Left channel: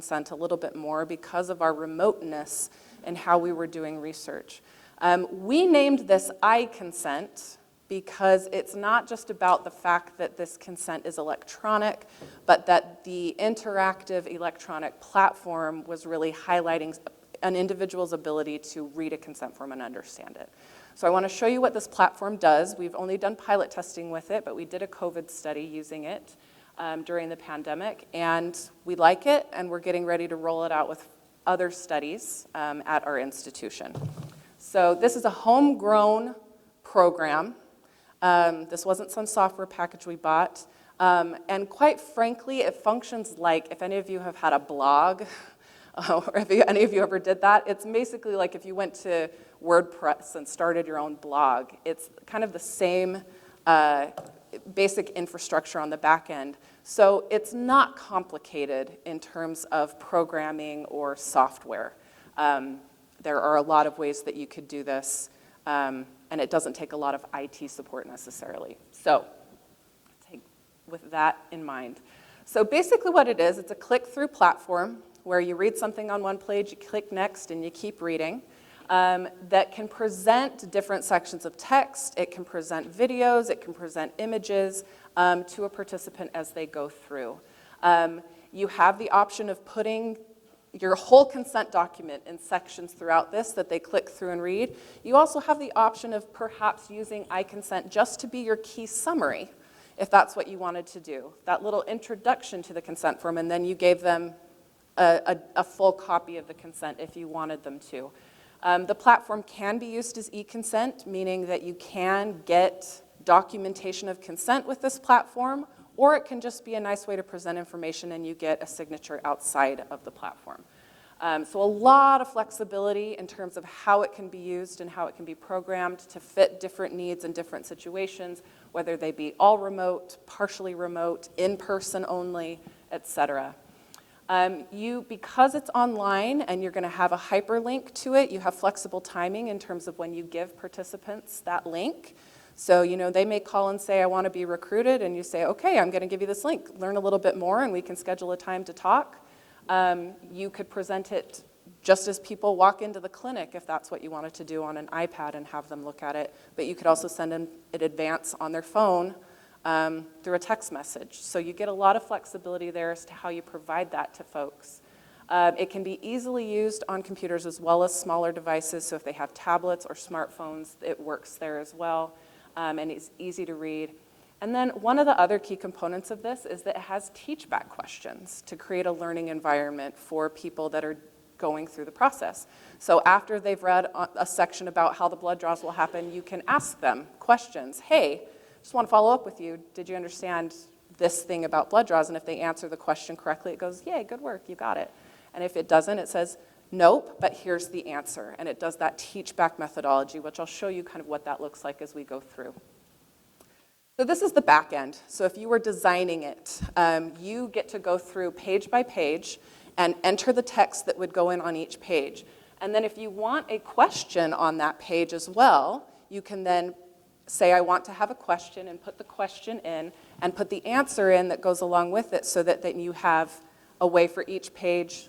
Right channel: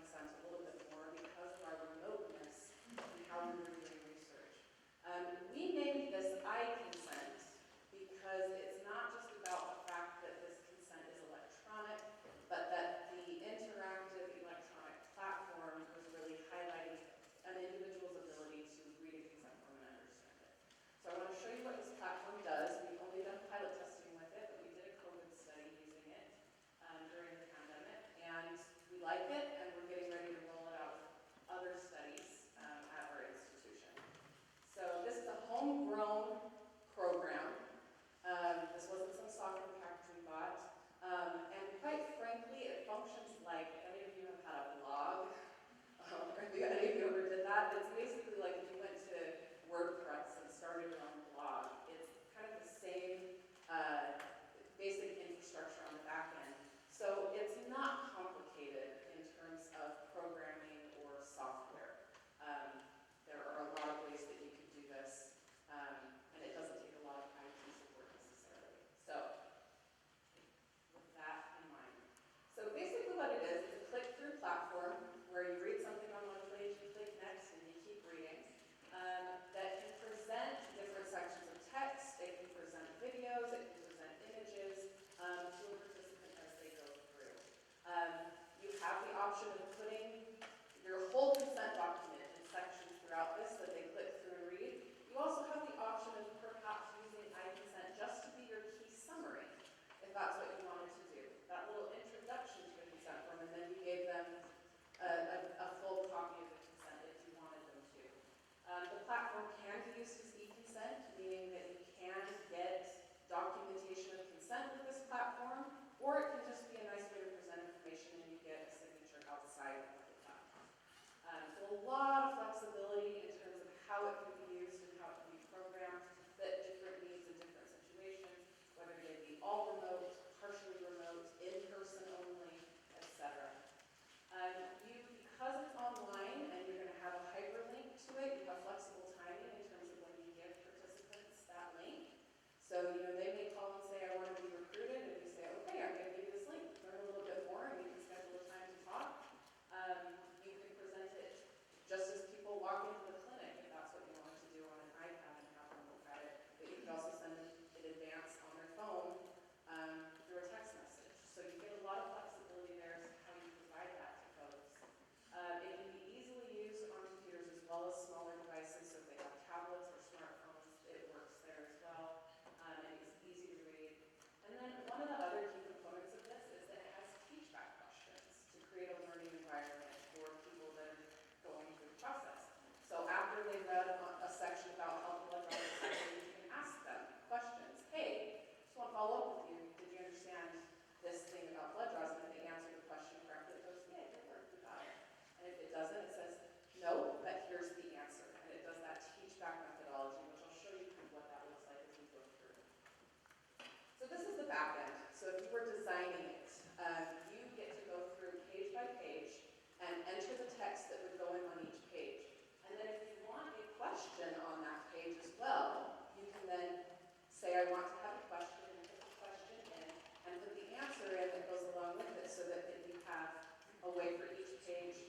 consent a little bit more because of our remoteness and how we were doing research. We named this I consent because it's not just about the fact that this consent is electronic, but that the interactive electronic platform was really highlighting an individual's ability to read a consent form and understand it. So I want to show you what this platform does. We've only done pilot testing with it, but we did a COVID study using it during the pandemic, and we like it, and we're getting ready to roll it out with other studies at our institution. So this is a homegrown program. This wasn't some software package we bought. And quite frankly, it functions like, if any of you have had a blog, or if any of you ever did that, it's basically like if you went to WordPress and started your own blog. It's kind of the same basic infrastructure on the back end. So it's not complicated in terms of programming or software. There are a lot of ways that you could do this, and it doesn't take a lot of IT support necessarily. So with that in mind. So basically what it is, it's a click-through platform where you read something on one page, you click next, and you keep reading. That can present different sections of text, it can present videos, it can present images to a participant as they go through. You have the option of putting your whole consent document in sections throughout this that they click through and read. You also have the option of perhaps using I consent just to be your key summary, if that's what you wanted to do. That little introduction to the consent form, and then you gave them a full copy of the consent if you wanted them to. The platform can be used as e-consent, meaning that you can get documentation of consent with this platform, or it can just be a nice way to present information and you get a signature outside of the platform. So a lot of flexibility in terms of how it can be used and how it can be programmed to fit different needs and different situations, whether they be all remote, partially remote, in-person only, etc. Because it's online and you're going to have a hyperlink to it, you have flexible timing in terms of when you give participants that link. So, they may call and say, I want to be recruited, and you say, okay, I'm going to give you this link. Learn a little bit more, and we can schedule a time to talk. You could present it just as people walk into the clinic, if that's what you wanted to do on an iPad and have them look at it. But you could also send them in advance on their phone through a text message. So you get a lot of flexibility there as to how you provide that to folks. It can be easily used on computers as well as smaller devices. So if they have tablets or smartphones, it works there as well. And it's easy to read. And then one of the other key components of this is that it has teach-back questions to create a learning environment for people that are going through the process. So after they've read a section about how the blood draws will happen, you can ask them questions. Hey, just want to follow up with you. Did you understand this thing about blood draws? And if they answer the question correctly, it goes, yay, good work, you got it. And if it doesn't, it says, nope, but here's the answer. And it does that teach-back methodology, which I'll show you kind of what that looks like as we go through. So this is the back end. So if you were designing it, you get to go through page by page and enter the text that would go in on each page. And then if you want a question on that page as well, you can then say, I want to have a question, and put the question in, and put the answer in that goes along with it, so that you have a way for each page,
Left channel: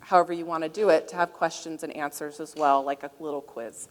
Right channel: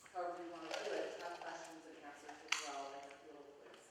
however you want to do it, to have questions and answers as well, like a little quiz.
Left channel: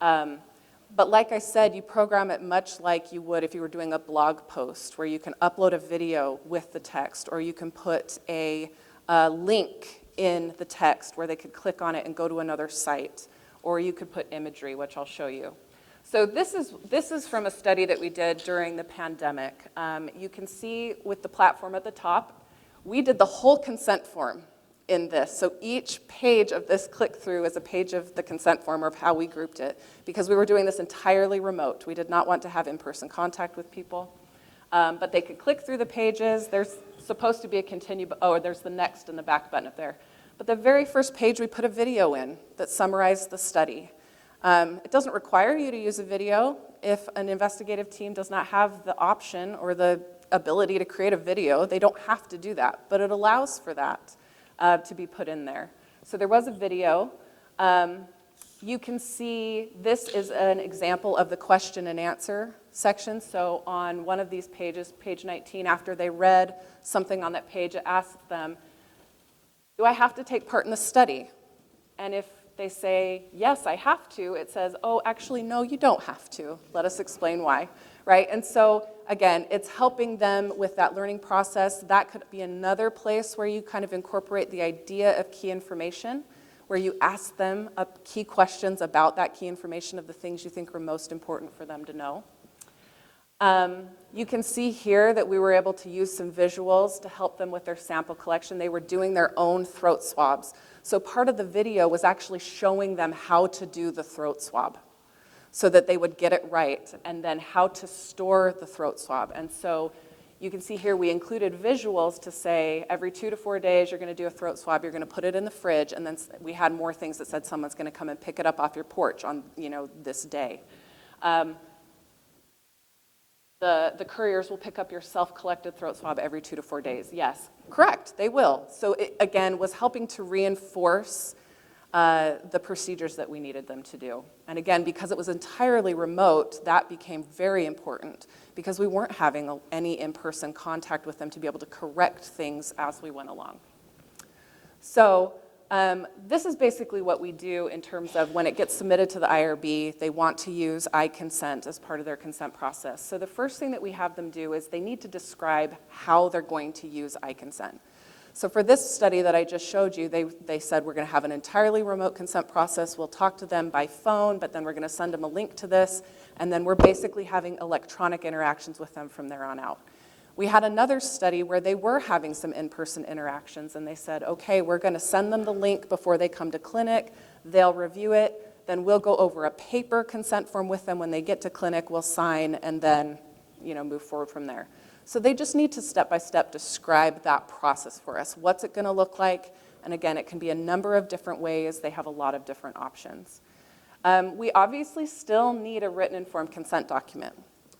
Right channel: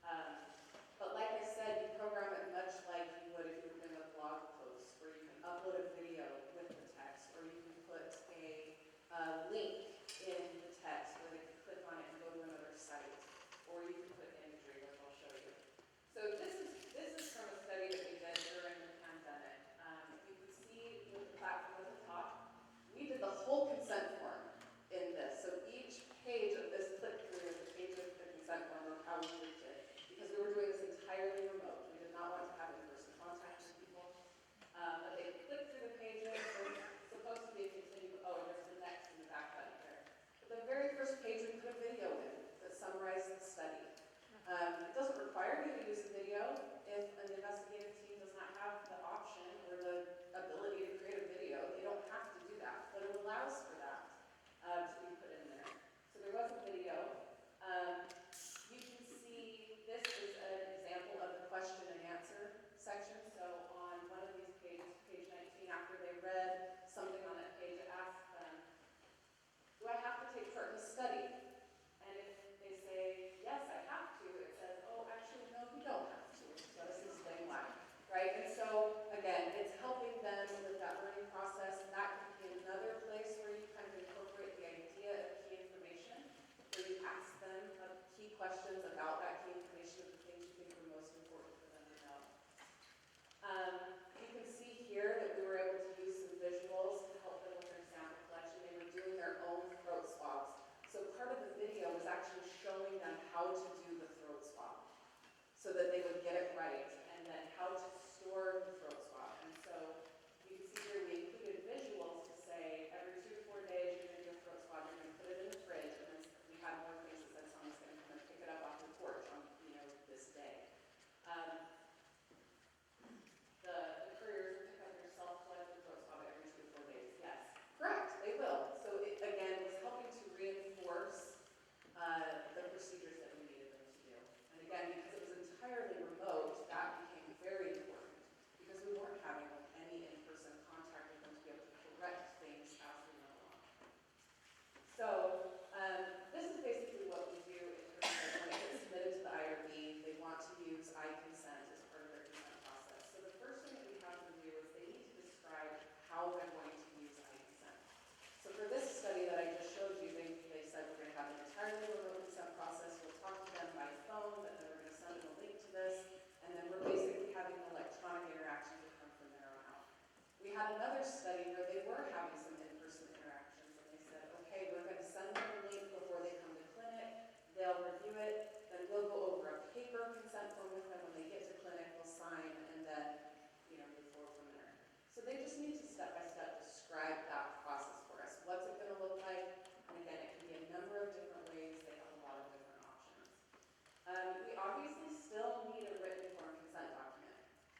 But like I said, you program it much like you would if you were doing a blog post, where you can upload a video with the text, or you can put a link in the text where they could click on it and go to another site, or you could put imagery, which I'll show you. So this is from a study that we did during the pandemic. You can see with the platform at the top, we did the whole consent form in this. So each page of this click-through is a page of the consent form, or of how we grouped it, because we were doing this entirely remote. We did not want to have in-person contact with people. But they could click through the pages. There's supposed to be a continue, there's the next in the back button up there. But the very first page, we put a video in that summarized the study. It doesn't require you to use a video if an investigative team does not have the option or the ability to create a video. They don't have to do that, but it allows for that to be put in there. So there was a video. You can see this is an example of the question and answer section. So on one of these pages, page 19, after they read something on that page, it asks them, Do I have to take part in the study? And if they say, yes, I have to, it says, oh, actually, no, you don't have to. Let us explain why, right? And so, again, it's helping them with that learning process. That could be another place where you kind of incorporate the idea of key information, where you ask them key questions about that key information of the things you think are most important for them to know. You can see here that we were able to use some visuals to help them with their sample collection. They were doing their own throat swabs. So part of the video was actually showing them how to do the throat swab so that they would get it right, and then how to store the throat swab. And so you can see here we included visuals to say every 2 to 4 days you're going to do a throat swab, you're going to put it in the fridge, and then we had more things that said someone's going to come and pick it up off your porch on this day. The couriers will pick up your self-collected throat swab every 2 to 4 days. Yes, correct, they will. So it, again, was helping to reinforce the procedures that we needed them to do. And again, because it was entirely remote, that became very important because we weren't having any in-person contact with them to be able to correct things as we went along. So this is basically what we do in terms of when it gets submitted to the IRB, they want to use I consent as part of their consent process. So the first thing that we have them do is they need to describe how they're going to use I consent. So for this study that I just showed you, they said we're going to have an entirely remote consent process. We'll talk to them by phone, but then we're going to send them a link to this, and then we're basically having electronic interactions with them from there on out. We had another study where they were having some in-person interactions, and they said, okay, we're going to send them the link before they come to clinic. They'll review it. Then we'll go over a paper consent form with them when they get to clinic. We'll sign and then move forward from there. So they just need to step-by-step describe that process for us. What's it going to look like? And again, it can be a number of different ways. They have a lot of different options. We obviously still need a written informed consent document.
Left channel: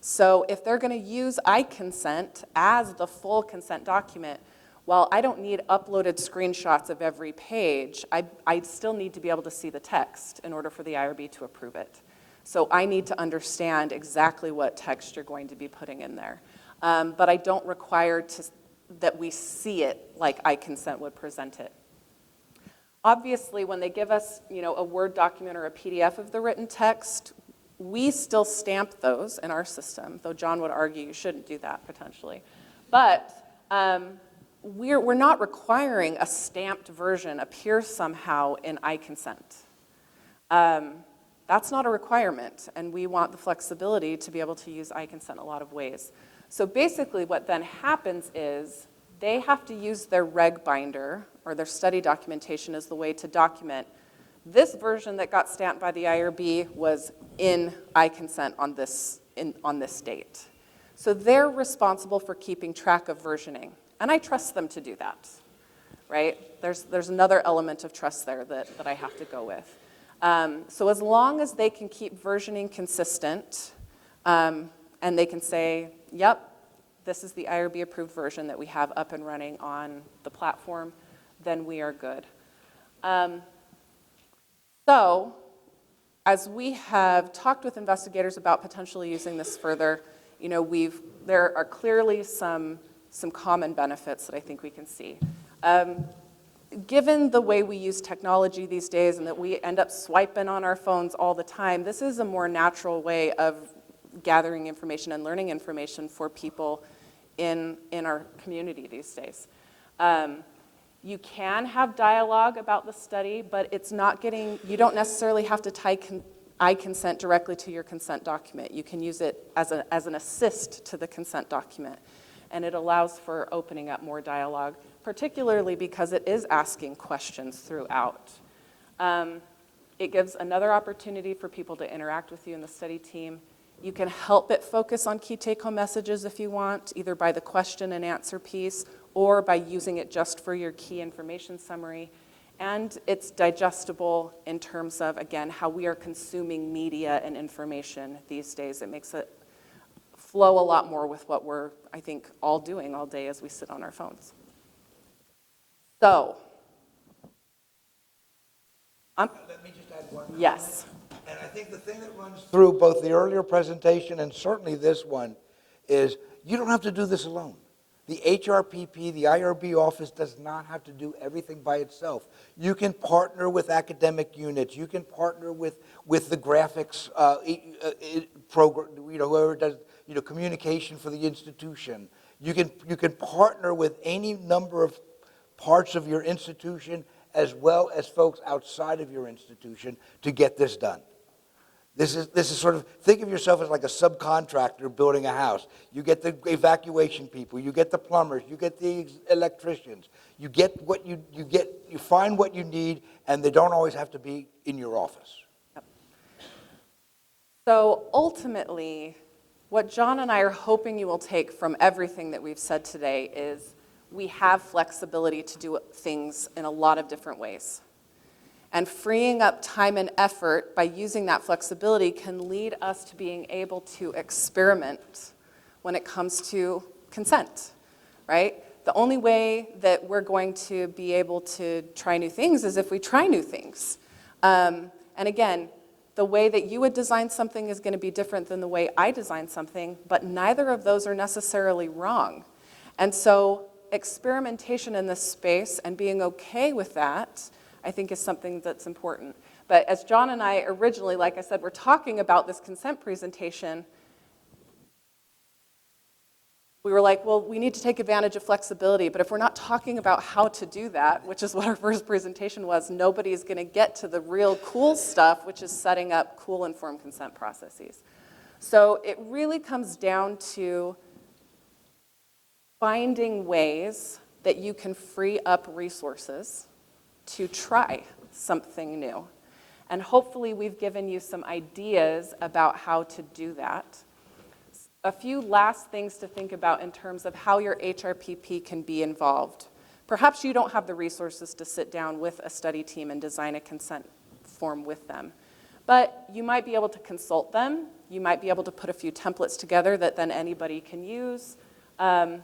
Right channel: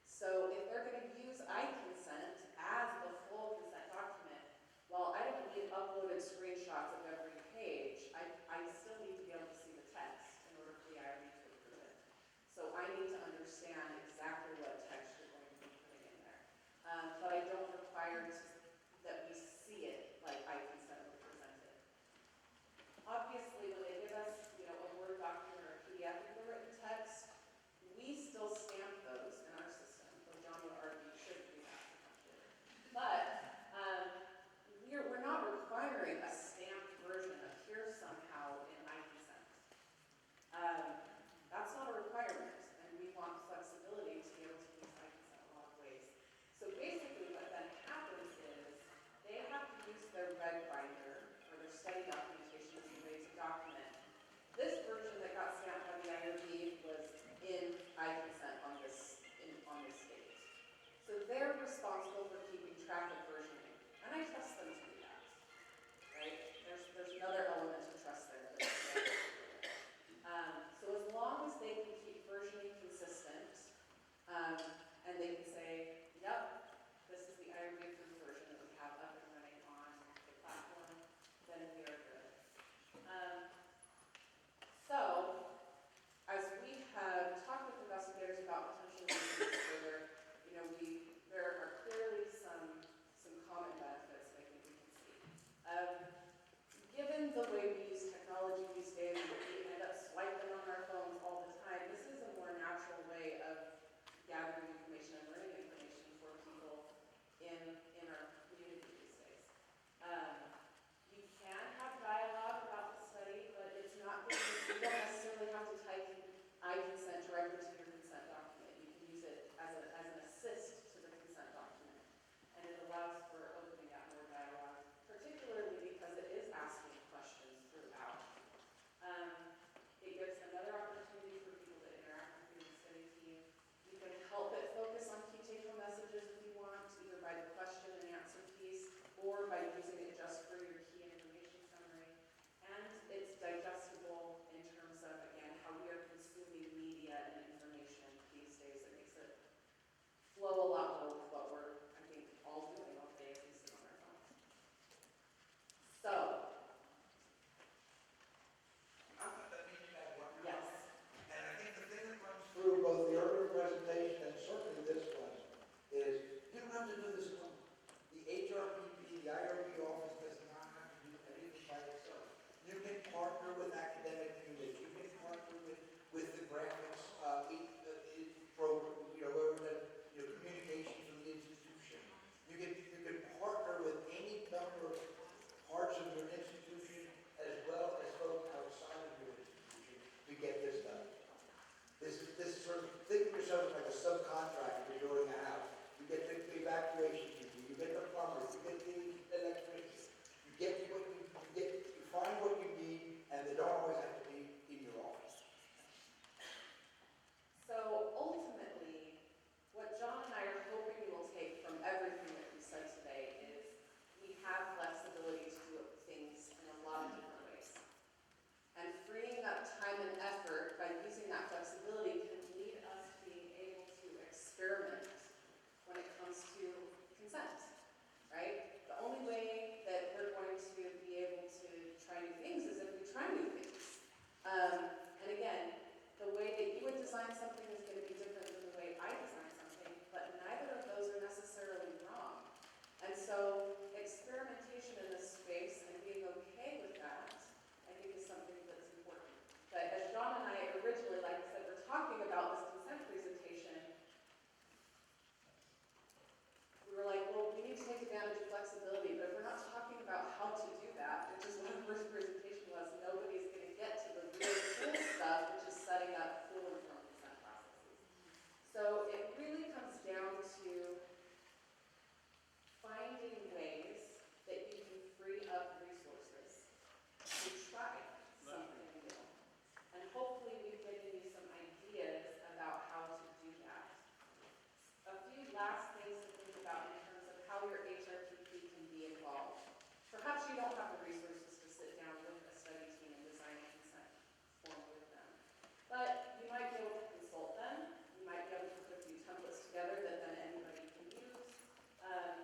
So if they're going to use I consent as the full consent document, while I don't need uploaded screenshots of every page, I still need to be able to see the text in order for the IRB to approve it. So I need to understand exactly what text you're going to be putting in there. But I don't require that we see it like I consent would present it. Obviously, when they give us a Word document or a PDF of the written text, we still stamp those in our system, though John would argue you shouldn't do that potentially. But we're not requiring a stamped version appear somehow in I consent. That's not a requirement, and we want the flexibility to be able to use I consent in a lot of ways. So basically what then happens is they have to use their reg binder or their study documentation as the way to document this version that got stamped by the IRB was in I consent on this date. So they're responsible for keeping track of versioning, and I trust them to do that, right? There's another element of trust there that I have to go with. So as long as they can keep versioning consistent, and they can say, yep, this is the IRB approved version that we have up and running on the platform, then we are good. So, as we have talked with investigators about potentially using this further, there are clearly some common benefits that I think we can see. Given the way we use technology these days and that we end up swiping on our phones all the time, this is a more natural way of gathering information and learning information for people in our community these days. You can have dialogue about the study, but you don't necessarily have to tie I consent directly to your consent document. You can use it as an assist to the consent document, and it allows for opening up more dialogue, particularly because it is asking questions throughout. It gives another opportunity for people to interact with you in the study team. You can help it focus on key take-home messages if you want, either by the question and answer piece or by using it just for your key information summary. And it's digestible in terms of, again, how we are consuming media and information these days. It makes it flow a lot more with what we're, I think, all doing all day as we sit on our phones. So, let me just add one. Yes. And I think the thing that runs through both the earlier presentation and certainly this one is you don't have to do this alone. The HRPP, the IRB office does not have to do everything by itself. You can partner with academic units. You can partner with the graphics program, whoever does, communication for the institution. You can partner with any number of parts of your institution as well as folks outside of your institution to get this done. This is sort of, think of yourself as like a subcontractor building a house. You get the evacuation people, you get the plumbers, you get the electricians. You get what you find what you need, and they don't always have to be in your office. So ultimately, what John and I are hoping you will take from everything that we've said today is we have flexibility to do things in a lot of different ways. And freeing up time and effort by using that flexibility can lead us to being able to experiment when it comes to consent, right? The only way that we're going to be able to try new things is if we try new things. And again, the way that you would design something is going to be different than the way I design something, but neither of those are necessarily wrong. And so experimentation in this space and being okay with that, I think, is something that's important. But as John and I originally, like I said, were talking about this consent presentation, we were like, well, we need to take advantage of flexibility, but if we're not talking about how to do that, which is what our first presentation was, nobody's going to get to the real cool stuff, which is setting up cool informed consent processes. So it really comes down to finding ways that you can free up resources to try something new. And hopefully we've given you some ideas about how to do that. A few last things to think about in terms of how your HRPP can be involved. Perhaps you don't have the resources to sit down with a study team and design a consent form with them. But you might be able to consult them. You might be able to put a few templates together that then anybody can use. You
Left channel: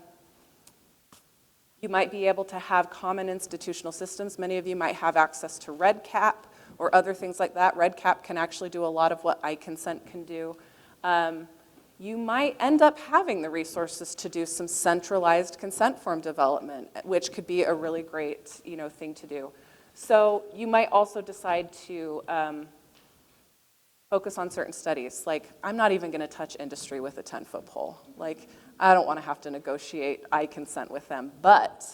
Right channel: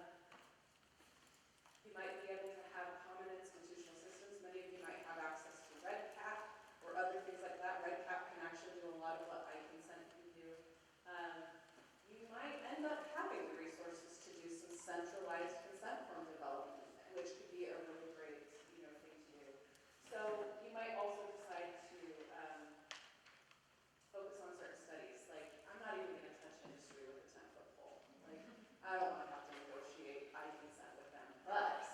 might be able to have common institutional systems. Many of you might have access to REDCap or other things like that. REDCap can actually do a lot of what iConsent can do. You might end up having the resources to do some centralized consent form development, which could be a really great, thing to do. So you might also decide to focus on certain studies. Like, I'm not even going to touch industry with a 10-foot pole. Like, I don't want to have to negotiate iConsent with them. But,